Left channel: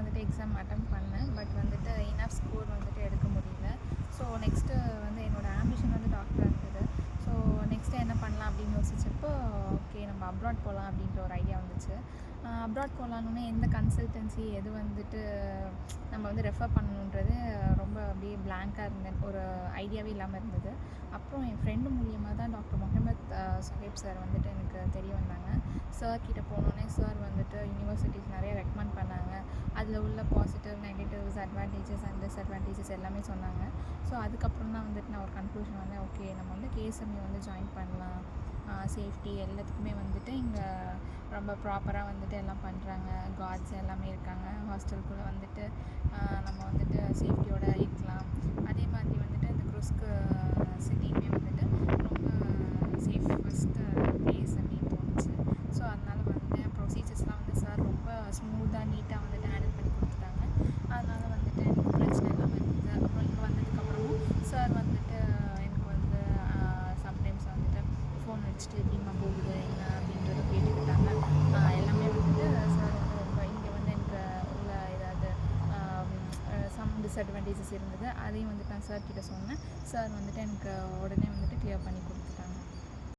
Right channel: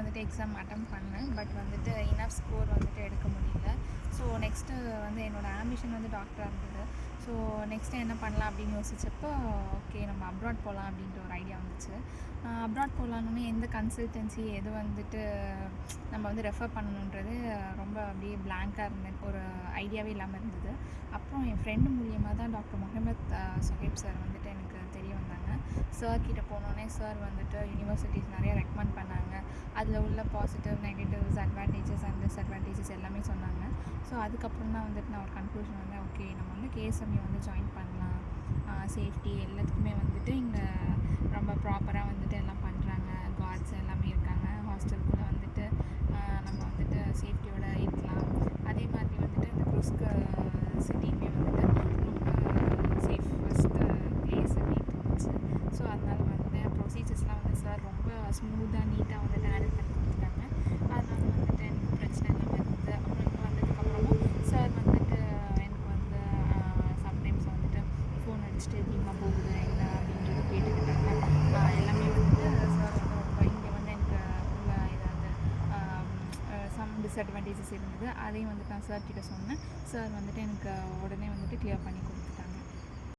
வந்துட்டு exam attempt பண்ணேன். But வந்துட்டு இனஃப் ஸ்கோர் வந்துட்டு எடுக்க முடியல. ஸோ நெக்ஸ்ட்டு வந்து என்னோடய ஆம்பிஷன் வந்து டாக்டராக இருந்தது. ஸோ நெக்ஸ்ட்டு என்ன பண்ணலாம் அப்படின்னு யோசிச்சப்போ, ஓகே நம்ம அப்ராட் போகலாம் அப்படின்ற ஒரு ஐடியா வந்துச்சு. அப்ராட் போகலான்னு எந்த கன்சல்டன்சி எது வந்துட்டு நம்ம வந்து ரெஃபர் பண்ணணுன்றது ரொம்ப அப்படியே பிளாங்காக இருந்தேன். ஒரு ஐடியாவே இல்லாமல் இருந்தது. அப்புறம் என் ஃப்ரெண்டு மூலியமாக தான் டாக்டர் முகமத் சுஹைப் சார் வந்துட்டு எனக்கு தெரிய வந்தாங்க. சார் கிட்ட போனோடனே சார் வந்துட்டு யூனிவர்சிட்டிஸ் நிறைய ரெக்கமெண்ட் பண்ணாங்க. அதில் உள்ள positive, negatives, advantages and disadvantages எல்லாமே சொன்னாங்க. ஸோ அதுக்கப்புறம் தான் வந்துட்டு நான் ஒரு கன்க்ளூஷன் வந்தேன். ஓகே நம்ம வந்து கேஎஸ்எம்யூ வந்து ஜாயின் பண்ணலாம். சேஃப்டி எல்லாத்துக்குமே வந்துட்டு இங்கே ரொம்ப ப்ராப்பராக வந்துட்டு எல்லாம் பண்ணுறாங்க. கார்ட்ஸ் எல்லாமே இருக்காங்க. ஹாஸ்டலுக்குள்ளே வந்துட்டு நம்ம வந்துட்டு சேஃப்டியோடு இருக்கலாம். அதே மாதிரி வந்துட்டு இந்த குருஸ்க்கு சிட்டியுமே வந்துட்டு ரொம்ப சேஃப் ஃபஸ்ட்டு பிளேஸ்ன்னு தோணுச்சு. ஸோ அதனால் வந்தேன். ப்ரொசீஜர்ஸ்லாம் வந்து சார் ரொம்ப ஸ்மூத்தாக நீட்டாக வந்துட்டு ஹேண்டில் பண்ணி கொடுத்துட்டாங்க. அதனால் வந்துட்டு எனக்கு பிரச்சனை இல்லாமல் இருந்தது. அப்புறம் இங்கே வந்ததுக்கப்புறமும் சார் வந்துட்டு எனக்கு வந்து சம்டைம்ஸ் வந்துட்டு ஃபோன் அடிச்சுட்டு எப்படிமா போகுது என்ன அப்படின்றத கேட்டுக்கிட்டாங்க. எல்லாமே வந்துட்டு சார் வந்து ரொம்ப இங்கே வந்து எனக்கு உள்ள ஏதாவது சம் டிஸ்அட்வான்டேஜஸ் இருந்தது. அதையும் வந்துட்டு நான் சார்கிட்ட சொன்னேன். சார் வந்துட்டு எனக்கு உடனே வந்துட்டு கிளியர் பண்ணி கொடுத்துட்டாங்க.